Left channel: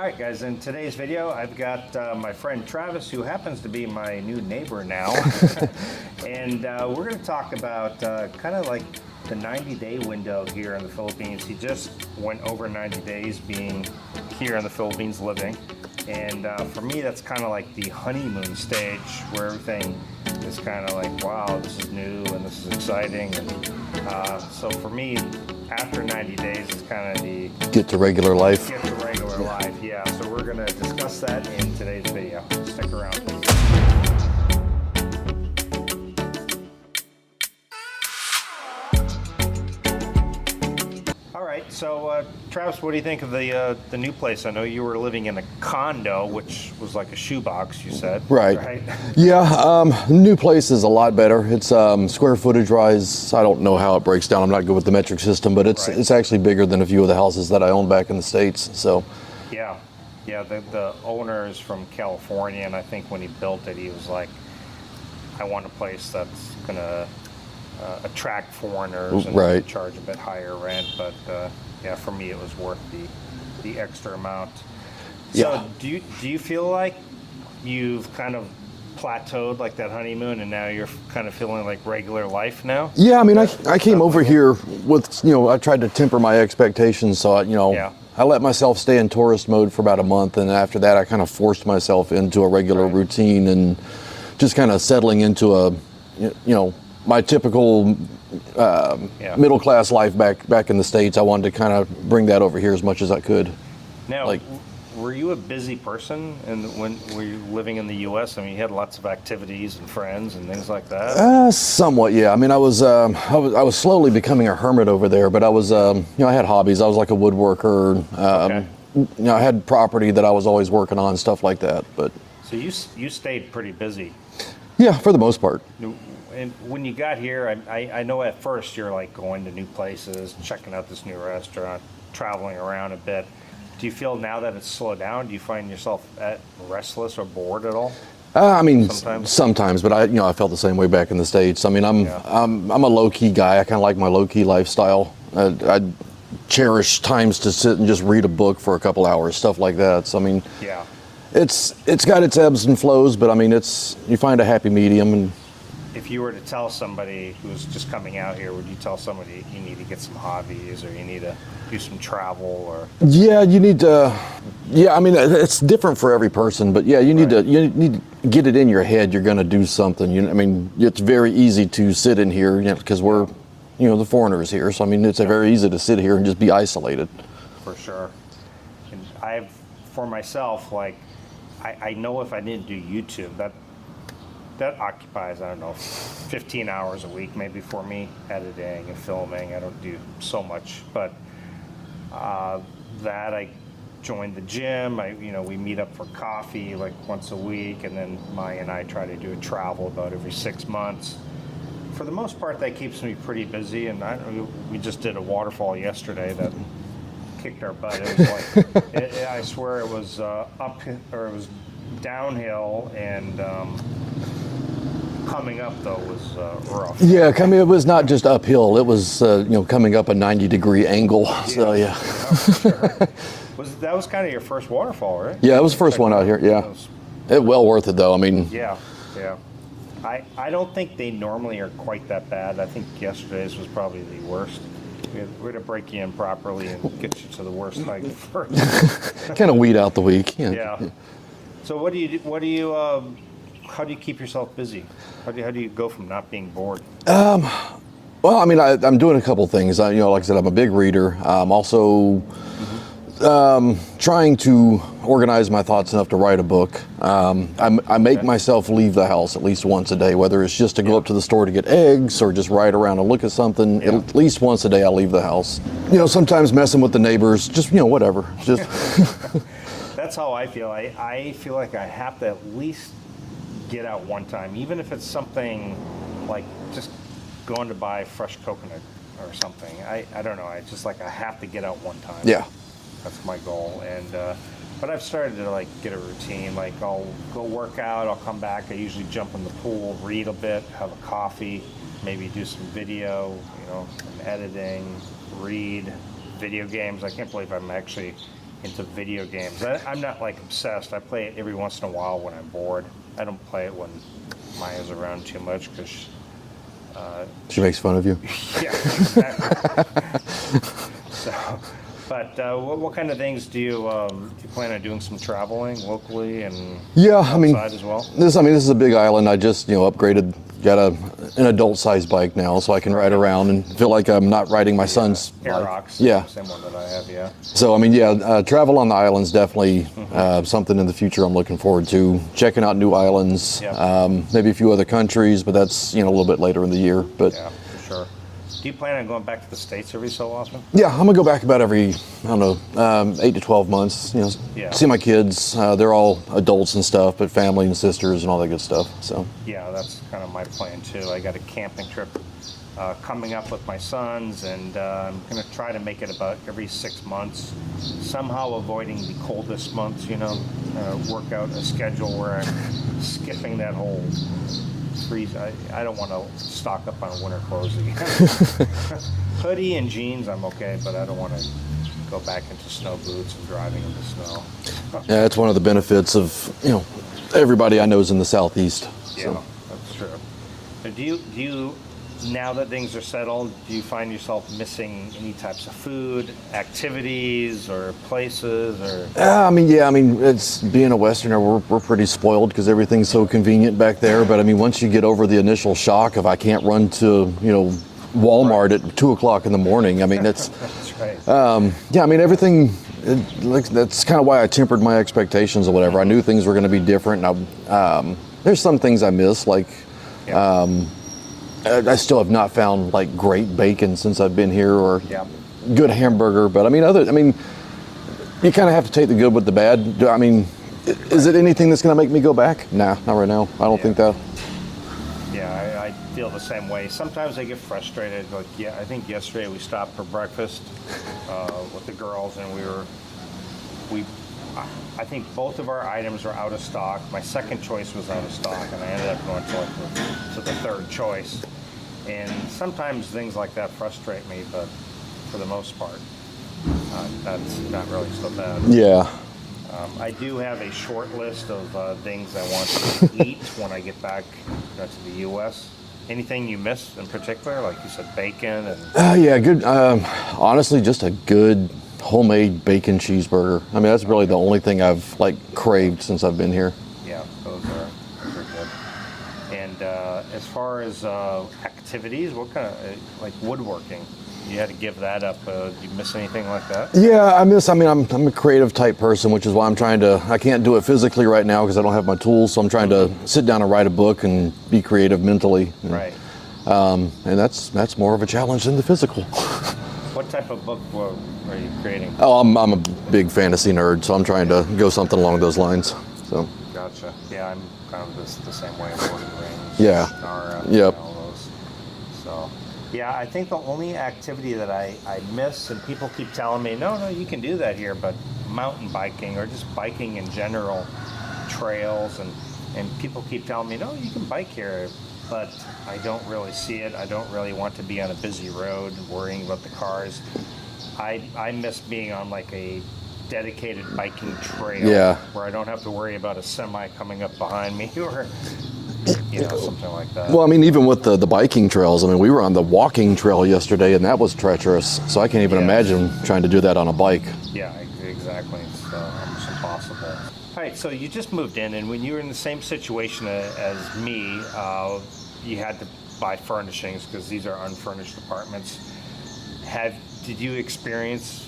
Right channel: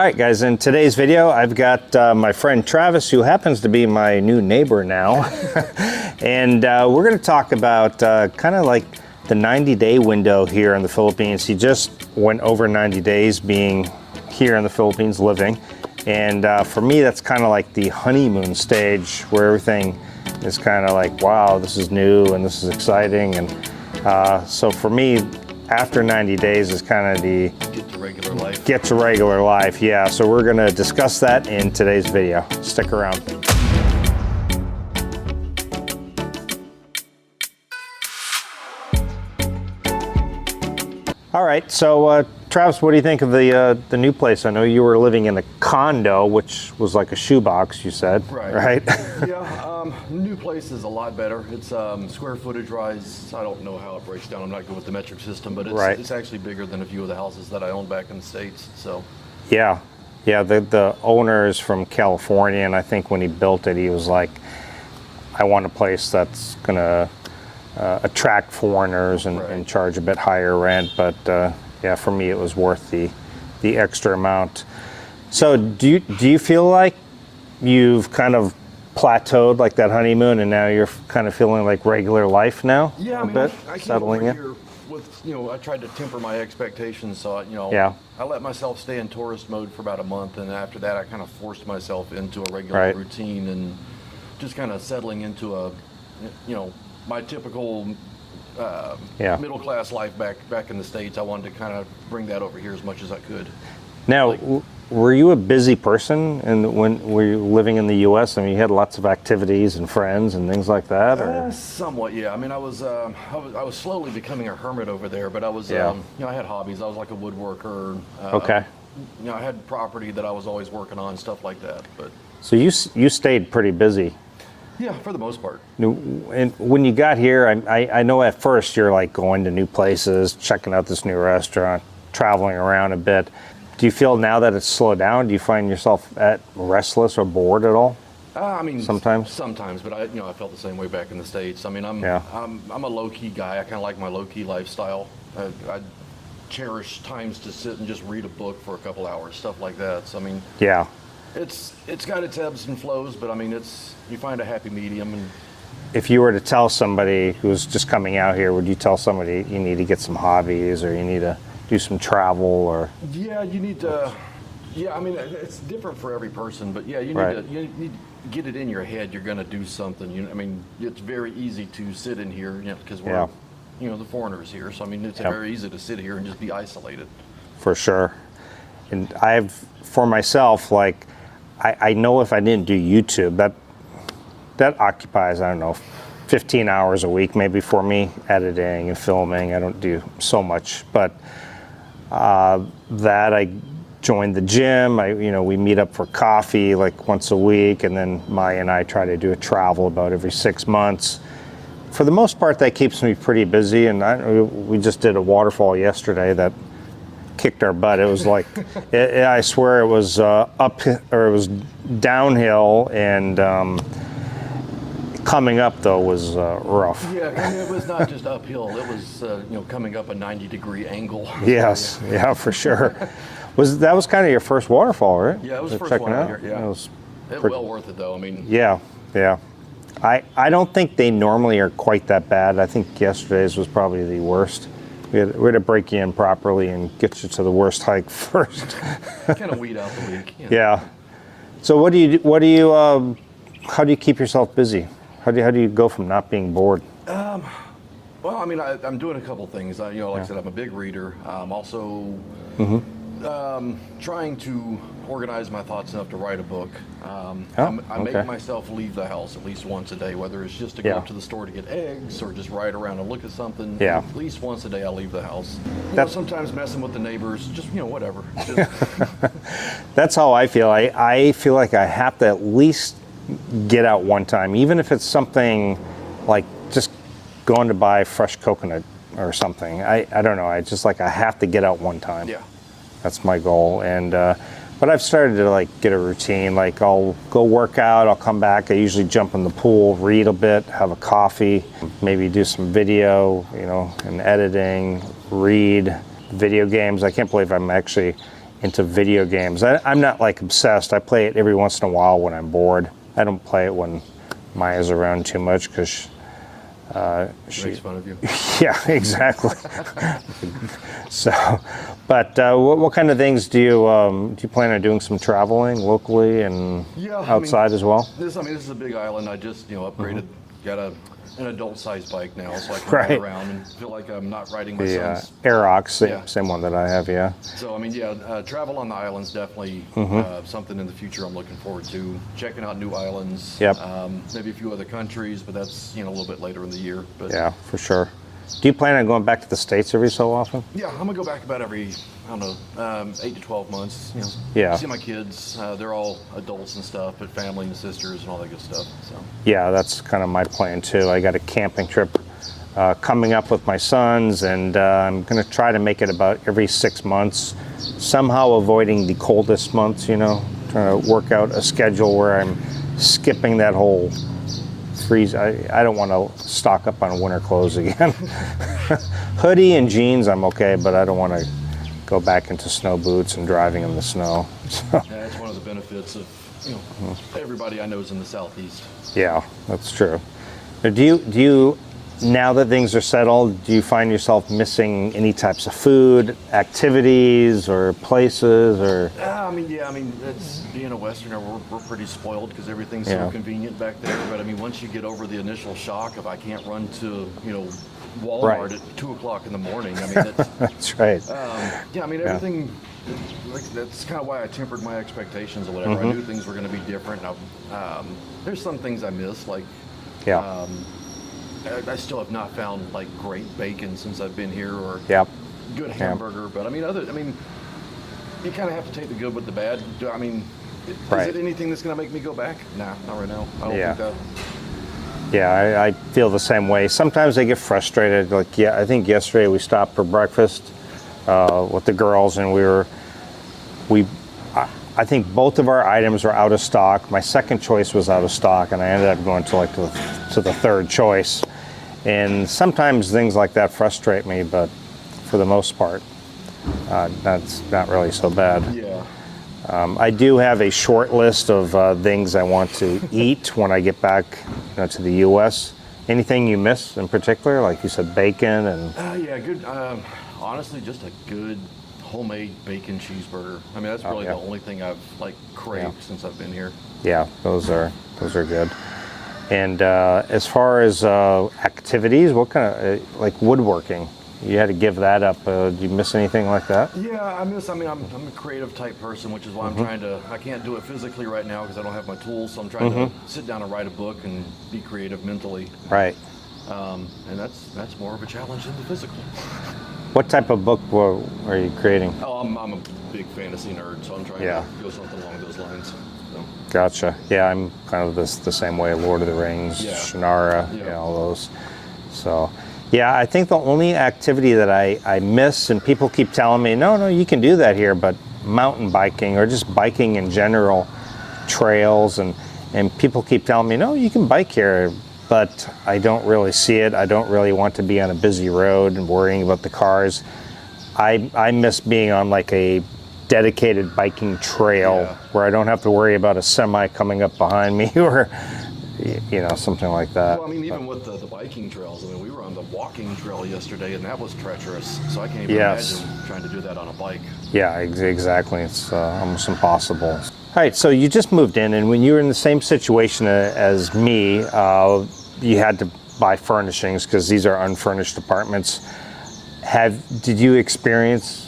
All right, guys, in today's video, I've got my friend Travis, who happens to be my new neighbor now. And we're going to talk about kind of like the 90-day window here in the Philippines. He just went over 90 days being here in the Philippines living. And for me, that's kind of like the honeymoon stage where everything is kind of like, wow, this is new and this is exciting. And so for me, after 90 days is kind of the get to regular life. Get to regular life, yeah. So we're going to discuss that in today's video. Stick around. All right, so Travis, what do you think of the new place? I know you were living in a condo, which was like a shoebox, you said. Right. Yeah, new place is a lot better. It's square footage-wise, I don't know how it breaks down. I'm not good with the metric system, but it's actually bigger than a few of the houses that I own back in the States. So. Yeah, the owner is from California, and I think when he built it, he was like, I want a place that's gonna attract foreigners and charge a bit higher rent, but yeah, for me it was worth the extra amount. So do you feel like you've kind of plateaued like that honeymoon and now you're kind of feeling like regular life now? Yeah, I mean, I came over here with, I tried to temper my expectations, so I let myself stay in tourist mode for about a month, and after that I kind of forced myself into a regular routine and just kind of settling into a my typical middle-class life back in the States. I wanted to kind of bring that over here as much as I could. Now, were you a busy person and when were you living in the U.S.? I mean, you had lots of activities and friends and things like that? Somewhat, yeah. I mean, I was slowly becoming a hermit over there, but I was, I had hobbies. I was like a woodworker. I had property that I was always working on, stuff like that. But so you stayed pretty busy. Yeah, for the most part. And when you got here, I know at first you're like going to new places, checking out this new restaurant, traveling around a bit. Do you feel now that it's slowed down? Do you find yourself restless or bored at all? I mean, sometimes, but I felt the same way back in the States. I mean, I'm a low-key guy. I kind of like my low-key lifestyle. I cherish times to sit and just read a book for a couple hours, stuff like that. So I mean, It's got its ebbs and flows, but I mean, you find a happy medium. And if you were to tell somebody who's just coming out here, would you tell somebody you need to get some hobbies or you need to do some travel or? Yeah, you need to. Yeah, I mean, it's different for every person, but yeah, you need to get it in your head. You're going to do something. I mean, it's very easy to sit in here, because we're, the foreigners here. So I mean, it's very easy to sit here and just be isolated. For sure. And for myself, like. I know if I didn't do YouTube, that occupies, I don't know, 15 hours a week maybe for me, editing and filming. I don't do so much, but that I joined the gym. We meet up for coffee like once a week, and then Maya and I try to do a travel about every 6 months. For the most part, that keeps me pretty busy, and we just did a waterfall yesterday that kicked our butt. It was like, I swear it was it was downhill, and coming up though was rough. Yeah, it was not just uphill. It was coming up a 90-degree angle. Yes, so, yeah, for sure. That was kind of your first waterfall, right? Yeah, it was the first one out here. Yeah, it well worth it though. I mean, yeah. I don't think they normally are quite that bad. I think yesterday's was probably the worst. We had to break you in properly and get you to the worst hike first. Kind of weed out the week. Yeah. So how do you keep yourself busy? How do you go from not being bored? Well, I mean, I'm doing a couple things. Like I said, I'm a big reader. I'm also trying to organize my thoughts enough to write a book. I make myself leave the house at least once a day, whether it's just to go up to the store to get eggs or just ride around and look at something. At least once a day I leave the house. Sometimes messing with the neighbors, just, whatever. Just That's how I feel. I feel like I have to at least get out one time, even if it's something like just going to buy fresh coconut or something. I don't know. I just I have to get out one time. Yeah. That's my goal. And but I've started to get a routine. Like I'll go work out, I'll come back, I usually jump in the pool, read a bit, have a coffee, maybe do some video, and editing, read, video games. I can't believe I'm actually into video games. I'm not like obsessed. I play it every once in a while when I'm bored. I don't play it when Maya's around too much because she makes fun of you. Yeah, exactly. So, but what kind of things do you plan on doing? Some traveling locally and outside as well? This is a big island. I just upgraded, got an adult-sized bike now, so I can ride around and feel like I'm not riding my son's. Aerox, same one that I have, yeah. So travel on the island's definitely something in the future I'm looking forward to. Checking out new islands, maybe a few other countries, but that's a little bit later in the year. But yeah, for sure. Do you plan on going back to the States every so often? Yeah, I'm gonna go back about every, 8 to 12 months. See my kids. They're all adults and stuff, but family and sisters and all that good stuff. So yeah, that's kind of my plan too. I got a camping trip coming up with my sons, and I'm gonna try to make it about every 6 months, somehow avoiding the coldest months. Trying to work out a schedule where I'm skipping that whole freeze. I don't want to stock up on winter clothes again. Hoodie and jeans I'm okay, but I don't want to go back into snow boots and driving in the snow. Yeah, that's one of the benefits of everybody I know is in the Southeast. Yeah, that's true. But do you now that things are settled, do you find yourself missing any types of food, activities, or places, or? It's being a Westerner, we're pretty spoiled because everything's so convenient back there. But once you get over the initial shock of I can't run to Walmart at 2:00 in the morning, it's that's right. Everything. That's kind of why I tempered my expectations or whatever. I knew things were going to be different. Now, there's some things I miss, like. I still have not found like great bacon since I've been here, or good hamburger. But you kind of have to take the good with the bad. Is it anything that's going to make me go back? Nah, not right now. I don't think that. Yeah, I feel the same way. Sometimes I get frustrated. I think yesterday we stopped for breakfast with the girls, and I think both of our items were out of stock. My second choice was out of stock, and I ended up going to the third choice. And sometimes things like that frustrate me, but for the most part, that's not really so bad. Yeah. I do have a short list of things I want to eat when I get back to the U.S. Anything you miss in particular? Like you said, bacon and... yeah, good. Honestly, just a good homemade bacon cheeseburger. That's really the only thing I've craved since I've been here. Yeah, those are good. And as far as activities, what kind of woodworking? You had to give that up. Do you miss anything like that? Yeah, I'm a creative type person, which is why I can't do it physically right now because I don't have my tools. So I'm trying to sit down and write a book and be creative mentally. Right. And that's more of a challenge than the physical. What type of book are you creating? Oh, I'm a big fantasy nerd, so I'm trying to go something along those lines. So. Gotcha. Yeah, I'm kind of the same way. Lord of the Rings, Shannara, all those. So, yeah, I think the only activity that I miss, and people keep telling me, no, you can do that here, but mountain biking or just biking in general, trails, and people keep telling me, no, you can bike here. But I don't really see it. I don't really want to be on a busy road and worrying about the cars. I miss being on a dedicated biking trail where I don't have to worry about a semi coming up behind me or something like that. Well, even with the biking trails, we were on the walking trail yesterday, and that was treacherous. So I can't even imagine trying to do that on a bike. Yeah, exactly. It's almost impossible. All right, so you just moved in, and when you were in the same situation as me, you had to buy furnishings because these are unfurnished apartments. Did you experience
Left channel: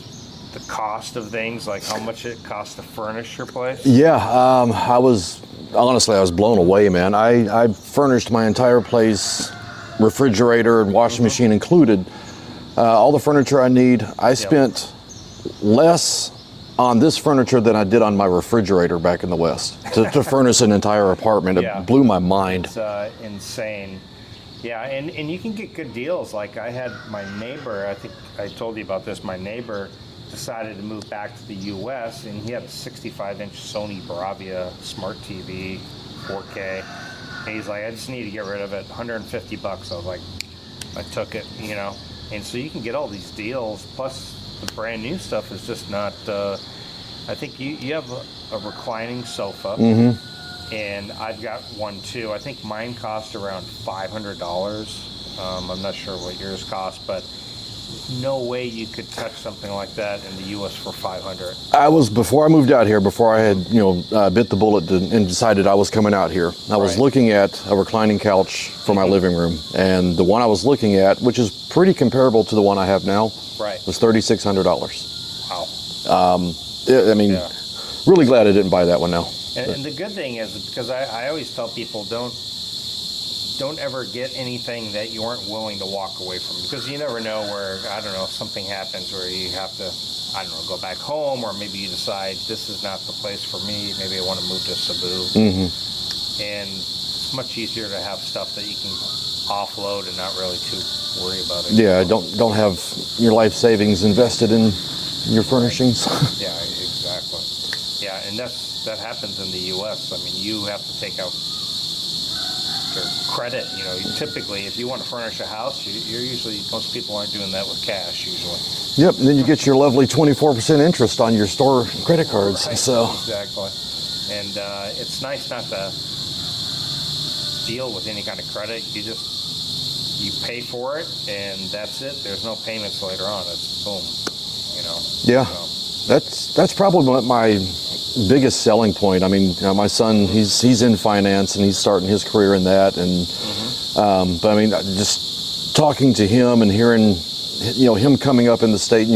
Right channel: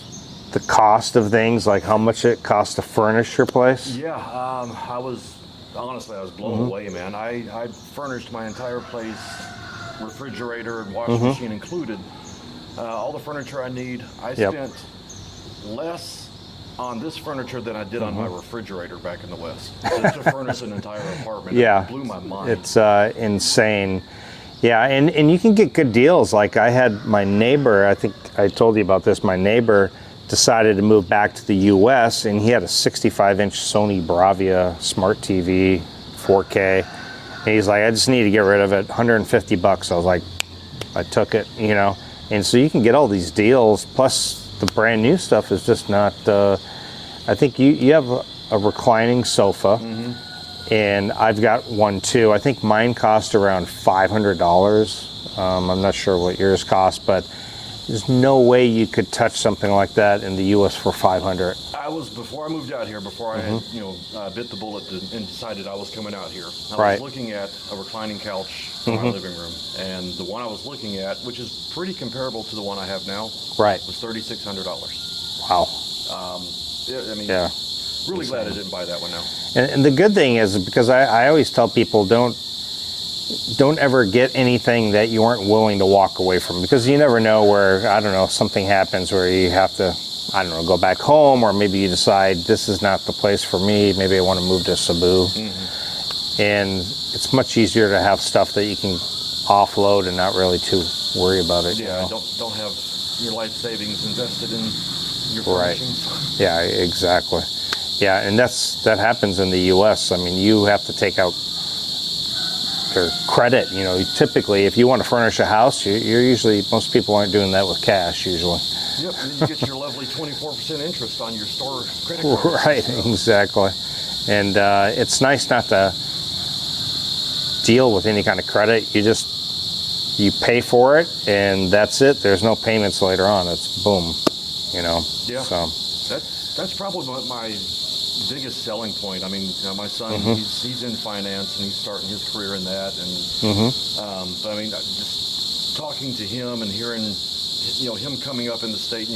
the cost of things, like how much it costs to furnish your place? Yeah, I was blown away, man. I furnished my entire place, refrigerator and washing machine included, all the furniture I need. I spent less on this furniture than I did on my refrigerator back in the West to furnish an entire apartment. It blew my mind. It's insane. Yeah, and you can get good deals. Like I had my neighbor, I think I told you about this, my neighbor decided to move back to the US, and he had a 65-inch Sony Bravia smart TV, 4K. And he's like, I just need to get rid of it, $150. I was like, I took it, And so you can get all these deals, plus the brand new stuff is just not I think you have a reclining sofa, and I've got one too. I think mine cost around $500. I'm not sure what yours cost, but there's no way you could touch something like that in the U.S. for $500. Before I moved out here, before I had bit the bullet and decided I was coming out here. I was looking at a reclining couch for my living room, and the one I was looking at, which is pretty comparable to the one I have now, was $3,600. Wow. I mean, really glad I didn't buy that one now. And the good thing is, because I always tell people, don't ever get anything that you aren't willing to walk away from, because you never know where, I don't know, something happens where you have to, I don't know, go back home, or maybe you decide this is not the place for me, maybe I want to move to Cebu. And it's much easier to have stuff that you can offload and not really too worry about it. Yeah, don't have your life savings invested in your furnishings. Yeah, exactly. Yeah, and that happens in the U.S. I mean, you have to take out your credit. You know, typically, if you want to furnish a house, you're usually, most people aren't doing that with cash usually. Yep, and then you get your lovely 24% interest on your store credit cards. Right, exactly. And it's nice not to deal with any kind of credit. You pay for it, and that's it. There's no payments later on. It's boom, you know. Yeah, so that's probably my biggest selling point. I mean, my son, he's in finance, and he's starting his career in that. And but I mean, just talking to him and hearing, him coming up in the state,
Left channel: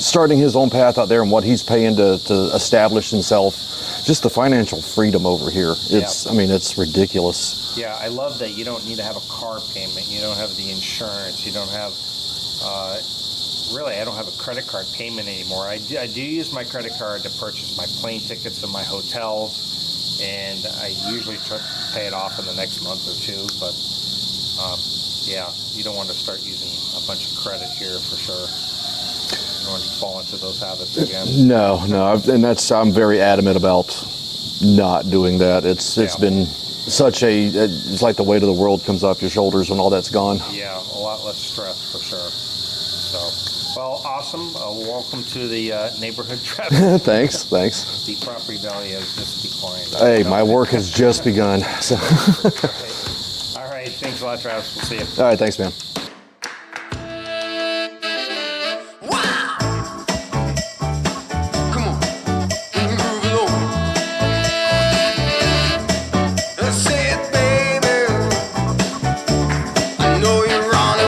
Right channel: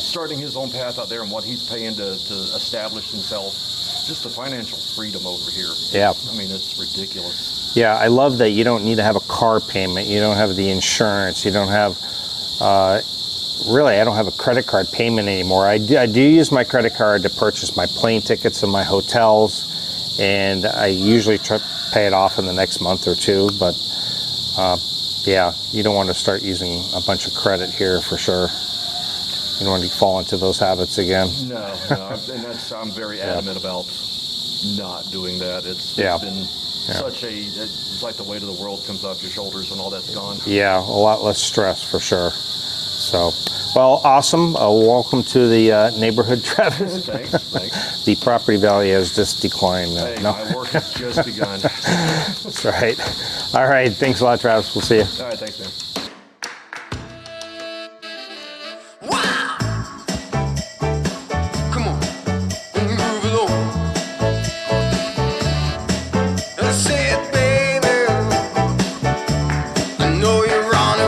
starting his own path out there, and what he's paying to establish himself. Just the financial freedom over here. I mean, it's ridiculous. Yeah, I love that you don't need to have a car payment. You don't have the insurance. You don't have, really, I don't have a credit card payment anymore. I do use my credit card to purchase my plane tickets and my hotels, and I usually try to pay it off in the next month or two. But yeah, you don't want to start using a bunch of credit here for sure. You don't want to fall into those habits again. No, and I'm very adamant about not doing that. It's been such it's like the weight of the world comes off your shoulders when all that's gone. Yeah, a lot less stress for sure. So, well, awesome. Welcome to the neighborhood, Travis. Thanks. The property value has just declined. Hey, my work has just begun. That's right. All right, thanks a lot, Travis. We'll see you. All right, thanks, man.